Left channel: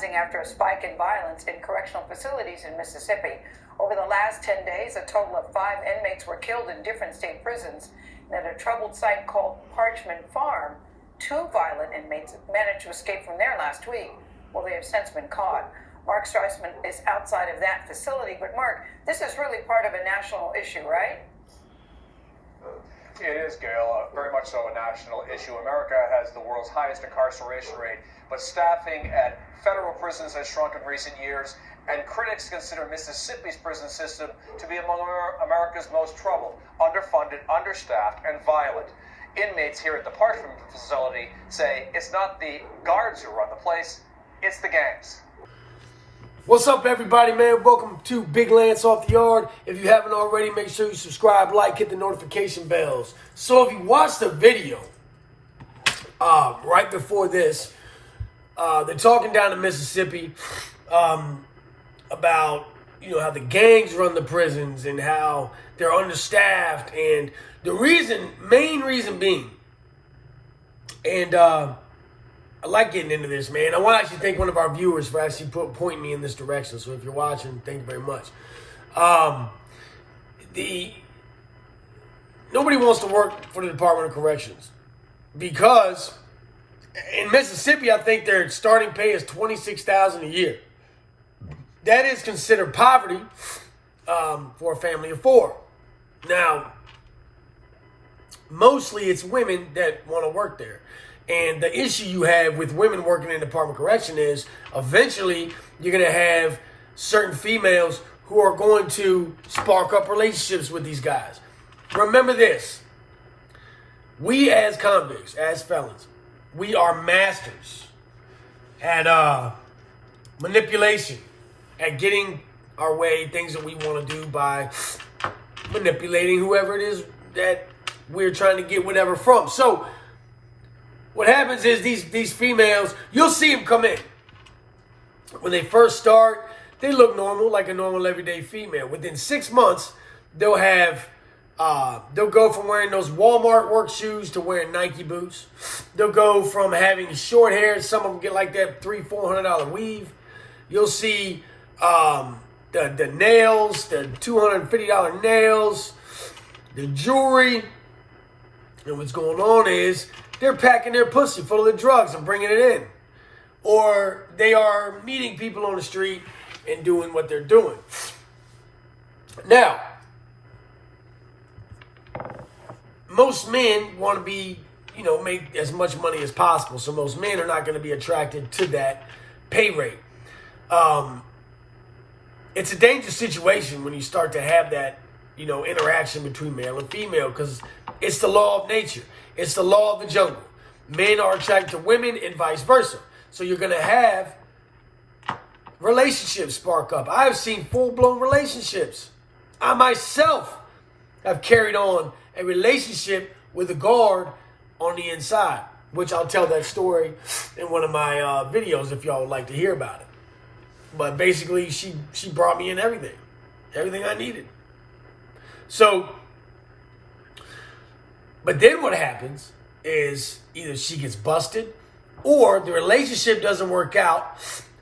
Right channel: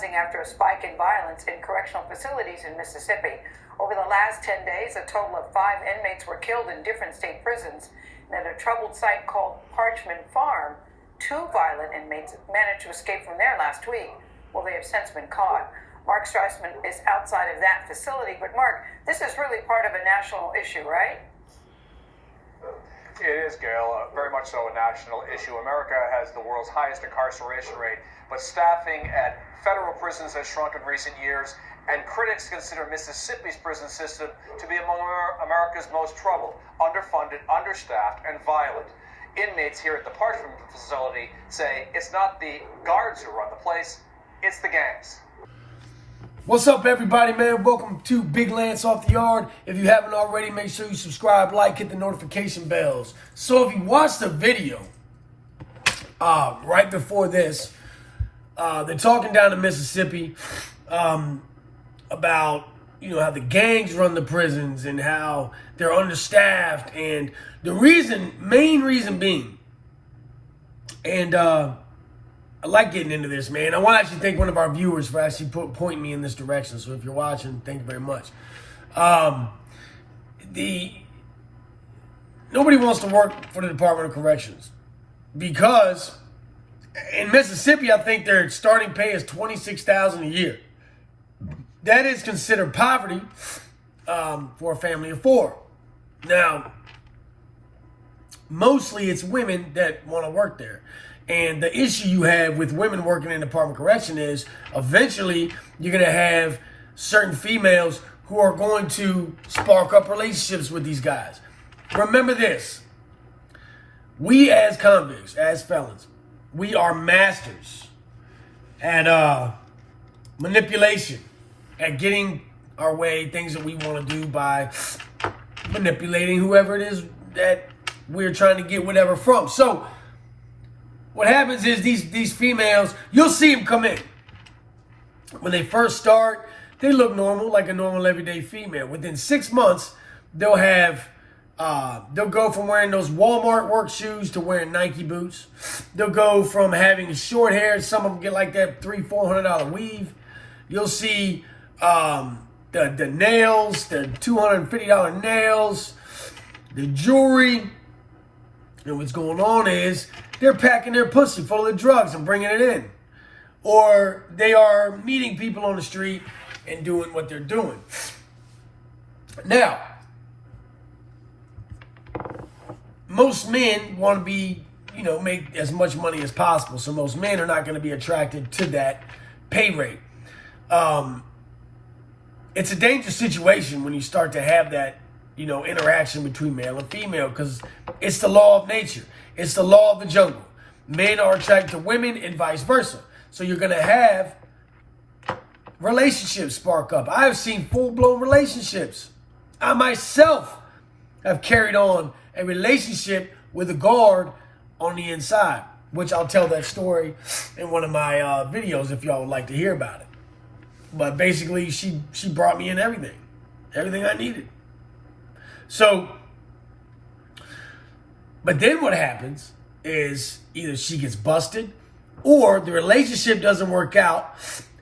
rising after a spike in violence in correctional facilities in Mississippi. Over the last 10 days, a total of 5 inmates were killed in different state prisons. And at a troubled site called Parchman Farm, 2 violent inmates managed to escape from there last week. Well, they have since been caught. Mark Streisman is outside of that facility. But Mark, this is really part of a national issue, right? It is, Gail, very much so a national issue. America has the world's highest incarceration rate, but staffing at federal prisons has shrunk in recent years, and critics consider Mississippi's prison system to be among America's most troubled, underfunded, understaffed, and violent. Inmates here at the Parchman facility say it's not the guards who run the place, it's the gangs. What's up, everybody, man? Welcome to Big Lance Off the Yard. If you haven't already, make sure you subscribe, like, hit the notification bells. So if you watched the video right before this, they're talking down in Mississippi about, how the gangs run the prisons and how they're understaffed. And the main reason being, and I like getting into this, man. I want to actually thank one of our viewers for actually pointing me in this direction. So if you're watching, thank you very much. Nobody wants to work for the Department of Corrections because in Mississippi, I think their starting pay is $26,000 a year. That is considered poverty for a family of 4. Now, mostly it's women that want to work there. And the issue you have with women working in the Department of Correction is eventually you're going to have certain females who are going to spark up relationships with these guys. Remember this. We as convicts, as felons, we are masters at manipulation, at getting our way, things that we want to do by manipulating whoever it is that we're trying to get whatever from. So what happens is these females, you'll see them come in. When they first start, they look normal, like a normal everyday female. Within 6 months, they'll go from wearing those Walmart work shoes to wearing Nike boots. They'll go from having short hair. Some of them get like that $300-400 weave. You'll see the nails, the $250 nails, the jewelry. And what's going on is they're packing their pussy full of the drugs and bringing it in. Or they are meeting people on the street and doing what they're doing. Now, most men want to be, make as much money as possible. So most men are not going to be attracted to that pay rate. It's a dangerous situation when you start to have that, interaction between male and female, because it's the law of nature. It's the law of the jungle. Men are attracted to women and vice versa. So you're going to have relationships spark up. I've seen full-blown relationships. I myself have carried on a relationship with a guard on the inside, which I'll tell that story in one of my videos if y'all would like to hear about it. But basically, she brought me in everything I needed. So, but then what happens is either she gets busted or the relationship doesn't work out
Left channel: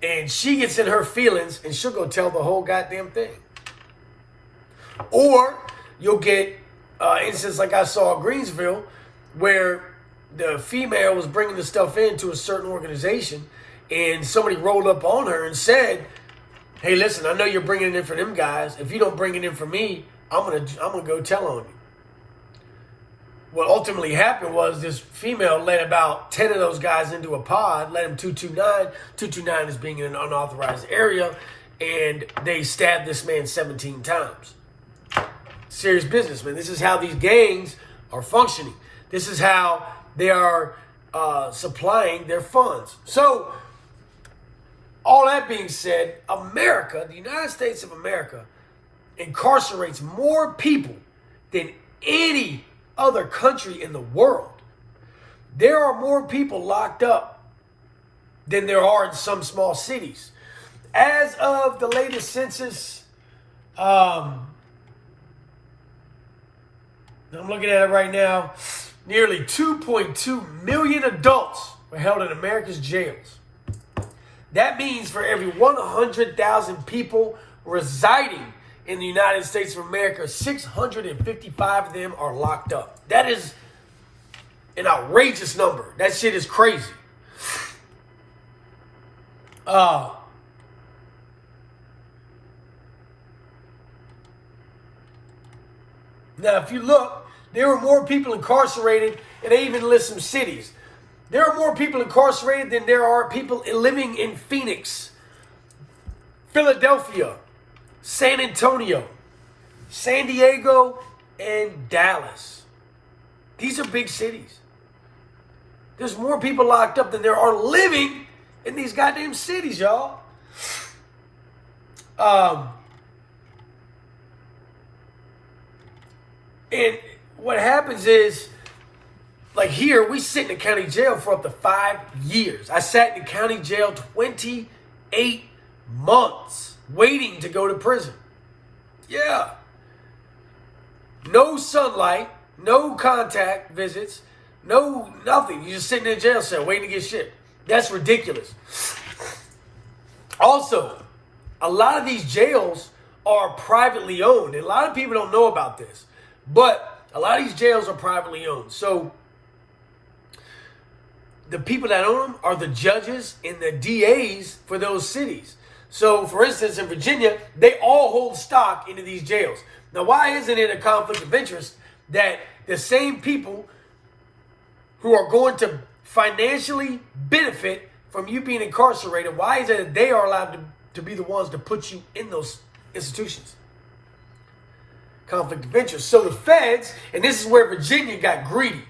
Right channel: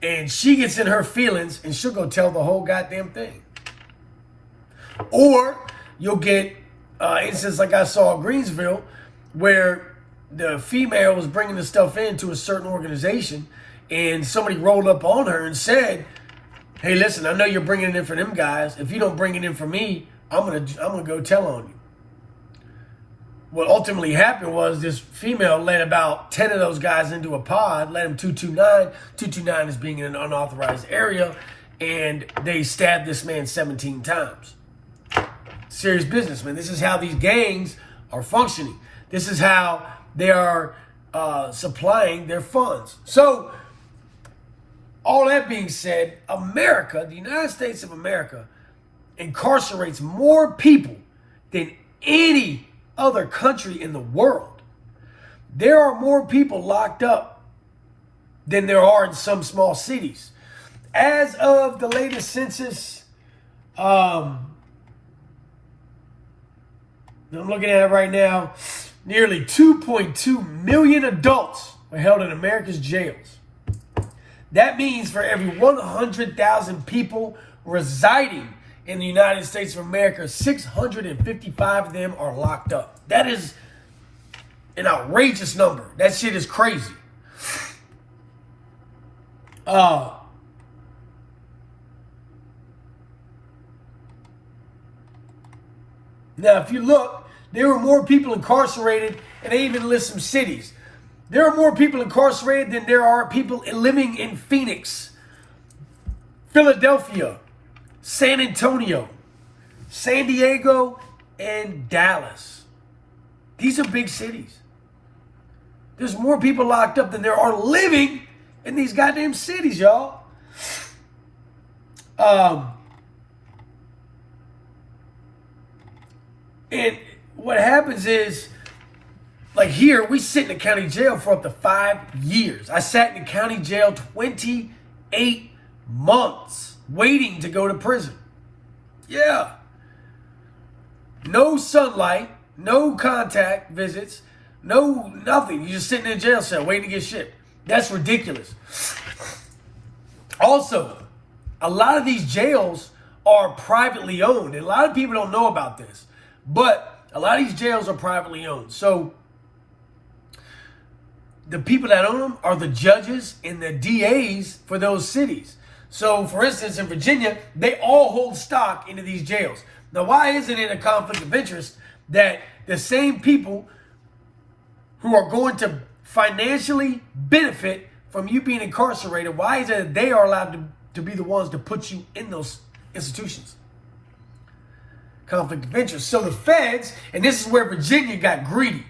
and she gets in her feelings and she'll go tell the whole goddamn thing. Or you'll get instance like I saw in Greensville where the female was bringing the stuff into a certain organization and somebody rolled up on her and said, "Hey, listen, I know you're bringing it in for them guys. If you don't bring it in for me, I'm gonna go tell on you." What ultimately happened was this female led about 10 of those guys into a pod, led them 229. 229 is being in an unauthorized area, and they stabbed this man 17 times. Serious business, man. This is how these gangs are functioning. This is how they are supplying their funds. So, all that being said, America, the United States of America, incarcerates more people than any other country in the world. There are more people locked up than there are in some small cities. As of the latest census, I'm looking at it right now, nearly 2.2 million adults were held in America's jails. That means for every 100,000 people residing in the United States of America, 655 of them are locked up. That is an outrageous number. That shit is crazy. Now, if you look, there were more people incarcerated, and they even list some cities. There are more people incarcerated than there are people living in Phoenix, Philadelphia, San Antonio, San Diego, and Dallas. These are big cities. There's more people locked up than there are living in these goddamn cities, y'all. And what happens is, like here, we sit in the county jail for up to 5 years. I sat in the county jail 28 months waiting to go to prison. Yeah. No sunlight, no contact visits, no nothing. You're just sitting in a jail cell waiting to get shit. That's ridiculous. Also, a lot of these jails are privately owned. And a lot of people don't know about this. But a lot of these jails are privately owned. So the people that own them are the judges and the DAs for those cities. So, for instance, in Virginia, they all hold stock into these jails. Now, why isn't it a conflict of interest that the same people who are going to financially benefit from you being incarcerated, why is it that they are allowed to be the ones to put you in those institutions? Conflict of interest. So the feds, and this is where Virginia got greedy.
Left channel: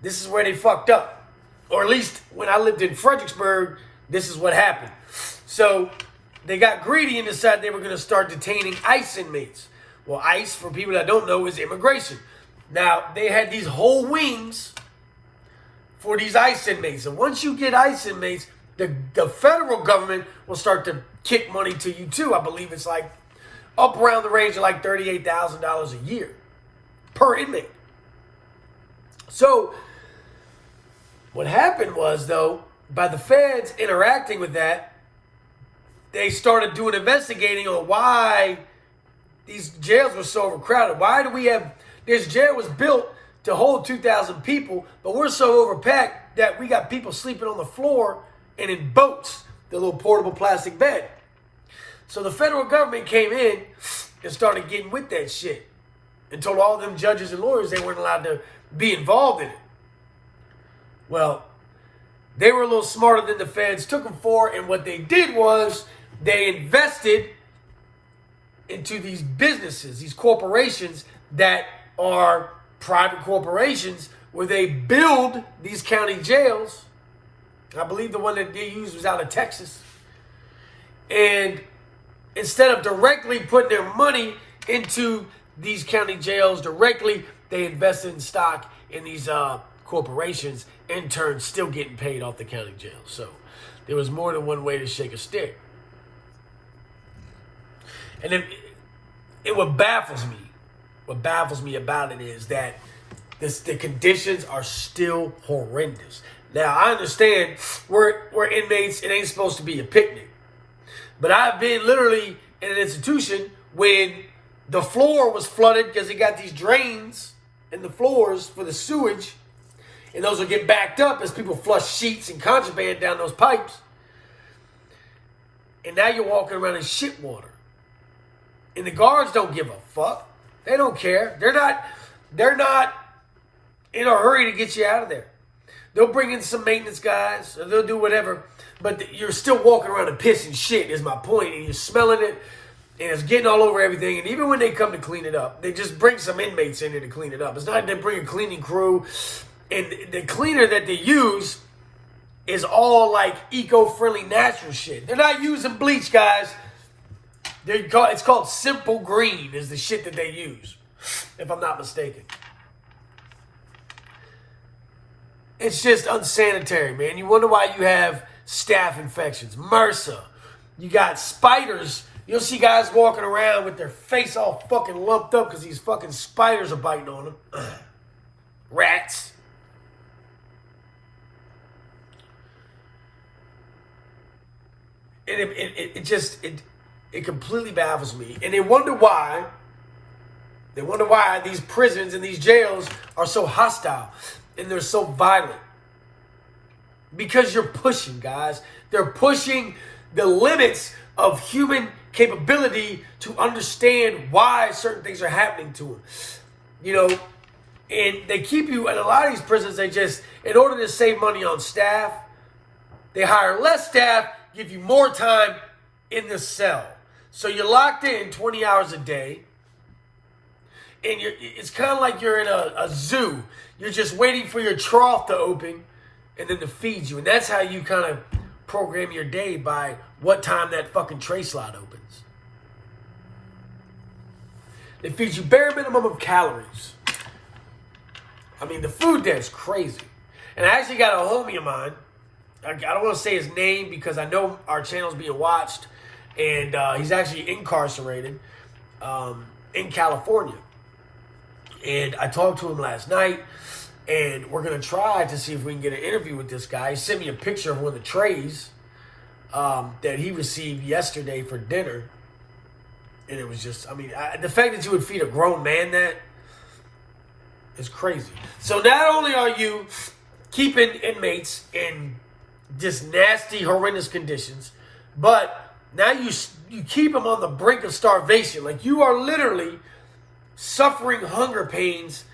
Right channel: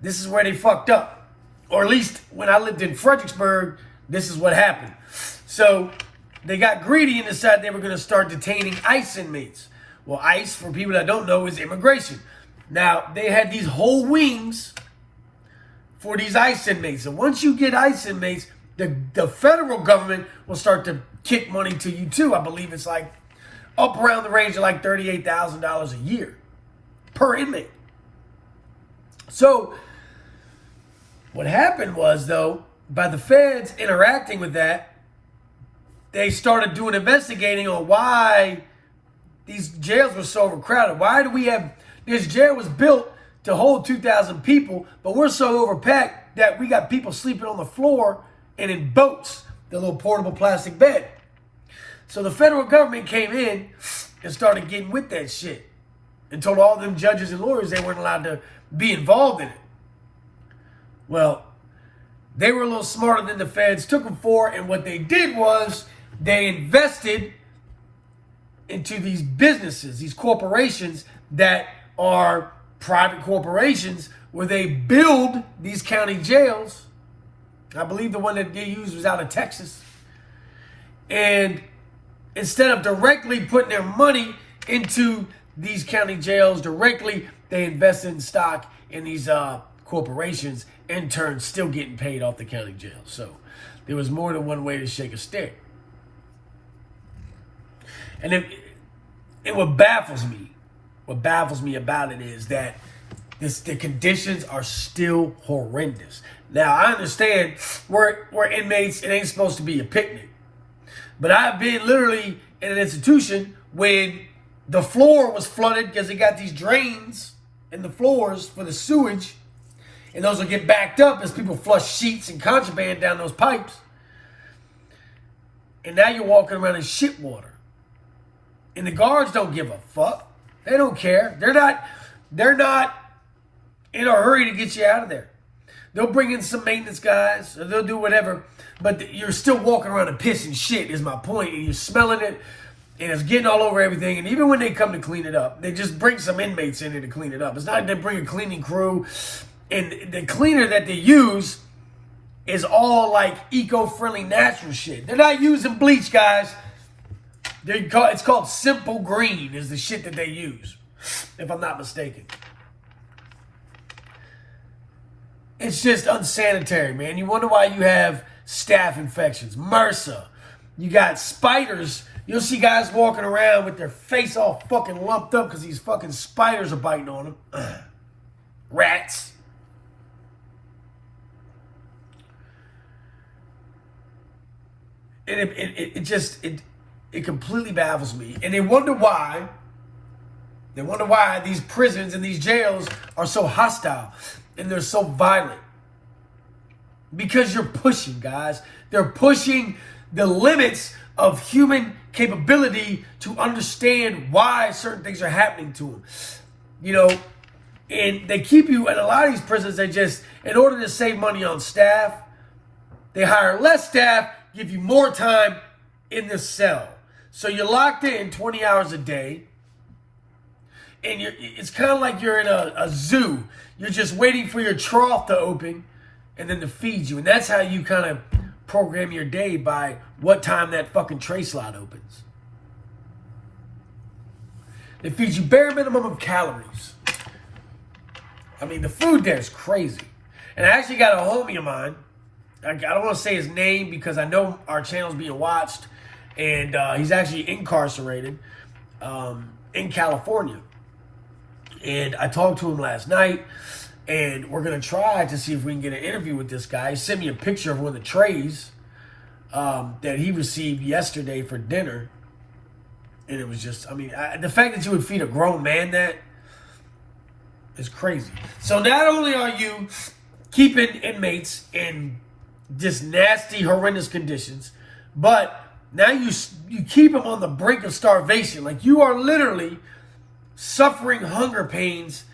This is where they fucked up. Or at least when I lived in Fredericksburg, this is what happened. So they got greedy and decided they were going to start detaining ICE inmates. Well, ICE, for people that don't know, is immigration. Now, they had these whole wings for these ICE inmates. And once you get ICE inmates, the federal government will start to kick money to you too. I believe it's like up around the range of like $38,000 a year per inmate. So what happened was, though, by the feds interacting with that, they started doing investigating on why these jails were so overcrowded. Why do we have, this jail was built to hold 2,000 people, but we're so overpacked that we got people sleeping on the floor and in boats, the little portable plastic bed. So the federal government came in and started getting with that shit and told all them judges and lawyers they weren't allowed to be involved in it. Well, they were a little smarter than the feds took them for, and what they did was they invested into these businesses, these corporations that are private corporations where they build these county jails. I believe the one that they used was out of Texas. And instead of directly putting their money into these county jails directly, they invested in stock in these corporations, in turn still getting paid off the county jail. So there was more than one way to shake a stick. And what baffles me about it is that the conditions are still horrendous. Now, I understand we're inmates, it ain't supposed to be a picnic. But I've been literally in an institution when the floor was flooded because they got these drains in the floors for the sewage. And those will get backed up as people flush sheets and contraband down those pipes. And now you're walking around in shit water. And the guards don't give a fuck. They don't care. They're not in a hurry to get you out of there. They'll bring in some maintenance guys, or they'll do whatever. But you're still walking around and pissing shit is my point. And you're smelling it. And it's getting all over everything. And even when they come to clean it up, they just bring some inmates in there to clean it up. It's not like they bring a cleaning crew. And the cleaner that they use is all like eco-friendly natural shit. They're not using bleach, guys. It's called Simple Green is the shit that they use, if I'm not mistaken. It's just unsanitary, man. You wonder why you have staph infections, MRSA. You got spiders. You'll see guys walking around with their face all fucking lumped up because these fucking spiders are biting on them. Rats. it completely baffles me. And they wonder why these prisons and these jails are so hostile and they're so violent. Because you're pushing, guys. They're pushing the limits of human capability to understand why certain things are happening to them. You know, and they keep you at a lot of these prisons. They just, in order to save money on staff, they hire less staff, give you more time in the cell. So you're locked in 20 hours a day. And it's kind of like you're in a zoo. You're just waiting for your trough to open and then to feed you. And that's how you kind of program your day, by what time that fucking tray slot opens. They feed you bare minimum of calories. I mean, the food there is crazy. And I actually got a homie of mine. I don't want to say his name because I know our channel's being watched. And he's actually incarcerated in California. And I talked to him last night. And we're going to try to see if we can get an interview with this guy. He sent me a picture of one of the trays that he received yesterday for dinner. And it was just, I mean, the fact that you would feed a grown man that is crazy. So not only are you keeping inmates in just nasty, horrendous conditions, but now you keep them on the brink of starvation. Like, you are literally suffering hunger pains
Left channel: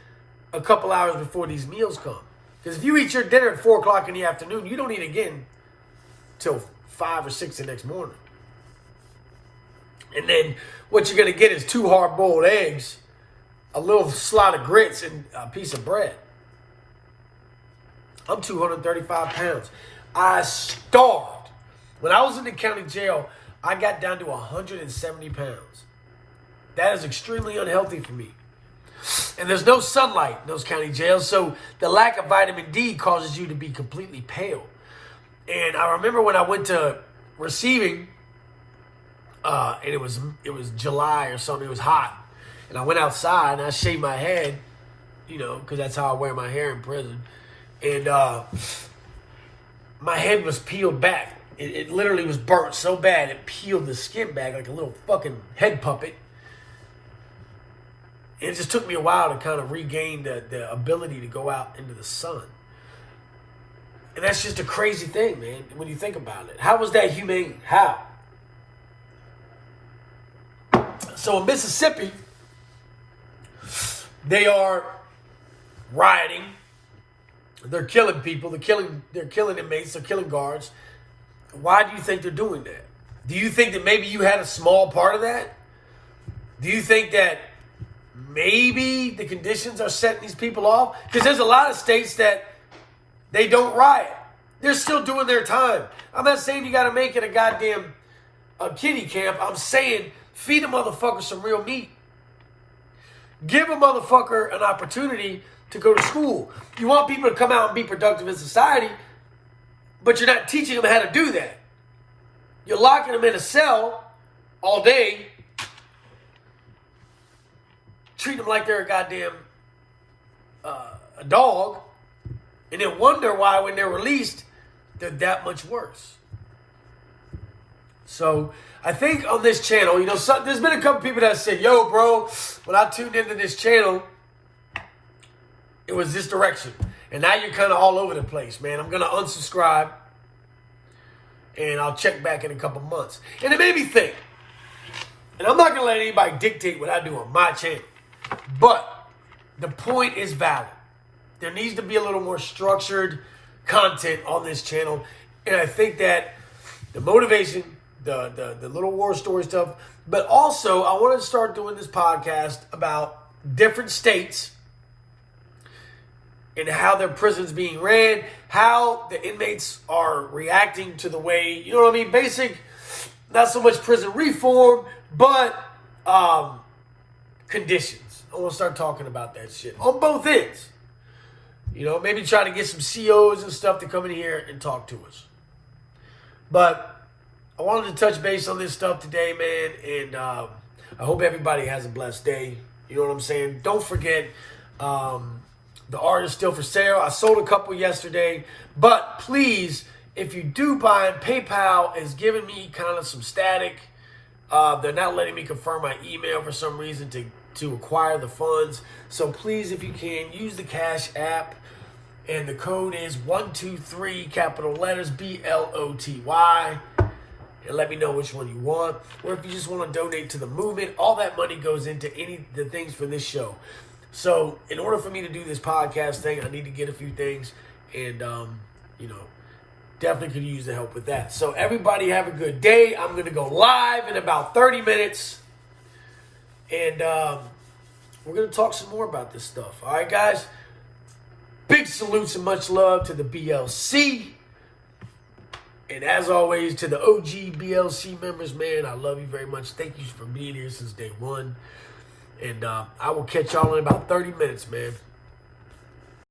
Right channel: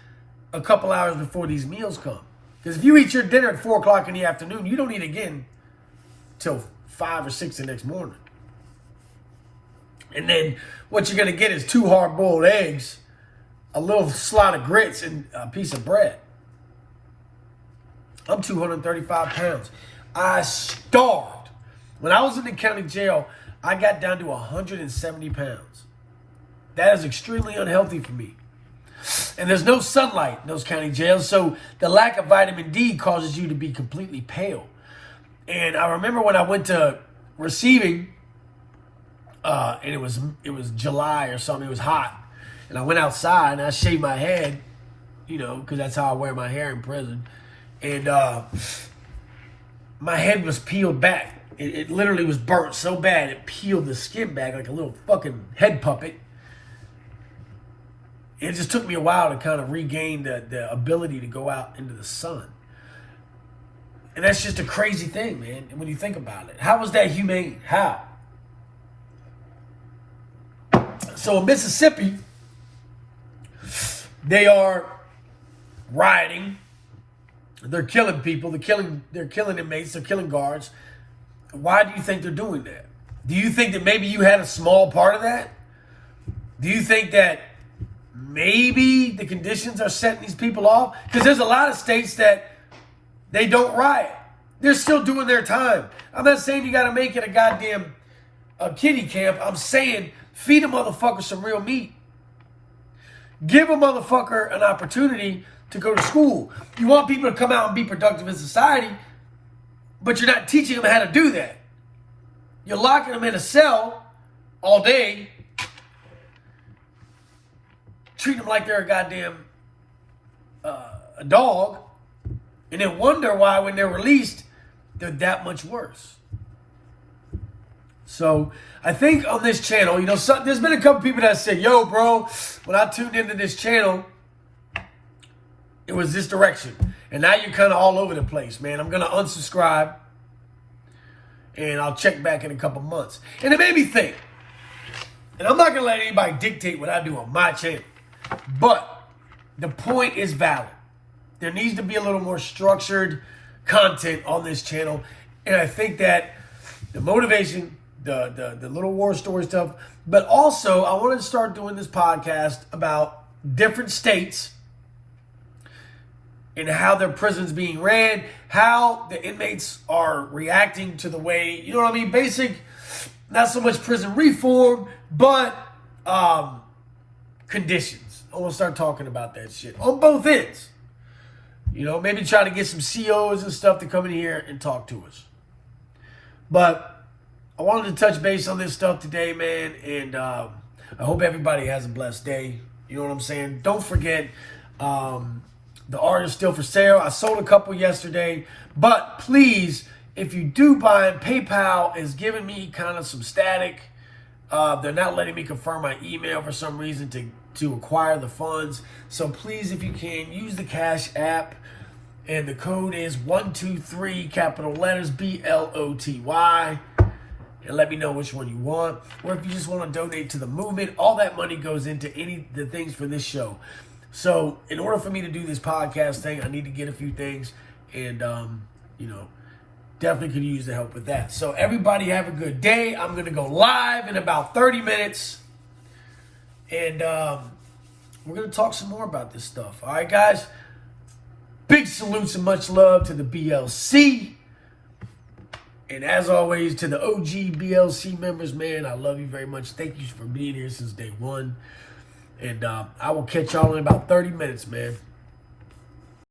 a couple hours before these meals come. Because if you eat your dinner at 4 o'clock in the afternoon, you don't eat again till 5 or 6 the next morning. And then what you're going to get is 2 hard-boiled eggs, a little slot of grits, and a piece of bread. I'm 235 pounds. I starved. When I was in the county jail, I got down to 170 pounds. That is extremely unhealthy for me. And there's no sunlight in those county jails, so the lack of vitamin D causes you to be completely pale. And I remember when I went to receiving, and it was July or something, it was hot, and I went outside and I shaved my head, you know, because that's how I wear my hair in prison, and my head was peeled back. It literally was burnt so bad it peeled the skin back like a little fucking head puppet. It just took me a while to kind of regain the ability to go out into the sun. And that's just a crazy thing, man, when you think about it. How was that humane? How? So in Mississippi, they are rioting. They're killing people. They're killing inmates. They're killing guards. Why do you think they're doing that? Do you think that maybe you had a small part of that? Do you think that maybe the conditions are setting these people off? Because there's a lot of states that they don't riot. They're still doing their time. I'm not saying you got to make it a goddamn kiddie camp. I'm saying feed a motherfucker some real meat. Give a motherfucker an opportunity to go to school. You want people to come out and be productive in society, but you're not teaching them how to do that. You're locking them in a cell all day, treat them like they're a goddamn a dog, and then wonder why when they're released, they're that much worse. So I think on this channel, you know, there's been a couple people that said, yo, bro, when I tuned into this channel, it was this direction. And now you're kind of all over the place, man. I'm going to unsubscribe, and I'll check back in a couple months. And it made me think, and I'm not going to let anybody dictate what I do on my channel, but the point is valid. There needs to be a little more structured content on this channel. And I think that the motivation, the little war story stuff, but also I wanted to start doing this podcast about different states and how their prisons being ran, how the inmates are reacting to the way, you know what I mean? Basic, not so much prison reform, but conditions. I want to start talking about that shit on both ends. You know, maybe try to get some COs and stuff to come in here and talk to us. But I wanted to touch base on this stuff today, man, and I hope everybody has a blessed day. You know what I'm saying? Don't forget, the art is still for sale. I sold a couple yesterday, but please, If you do buy, PayPal is giving me kind of some static. They're not letting me confirm my email for some reason to acquire the funds. So please, if you can, use the Cash App. And the code is 123, capital letters, BLOTY. And let me know which one you want. Or if you just want to donate to the movement, all that money goes into the things for this show. So in order for me to do this podcast thing, I need to get a few things. And, definitely could use the help with that. So everybody have a good day. I'm going to go live in about 30 minutes. And we're going to talk some more about this stuff. All right, guys? Big salutes and much love to the BLC. And as always, to the OG BLC members, man, I love you very much. Thank you for being here since day one. And I will catch y'all in about 30 minutes, man.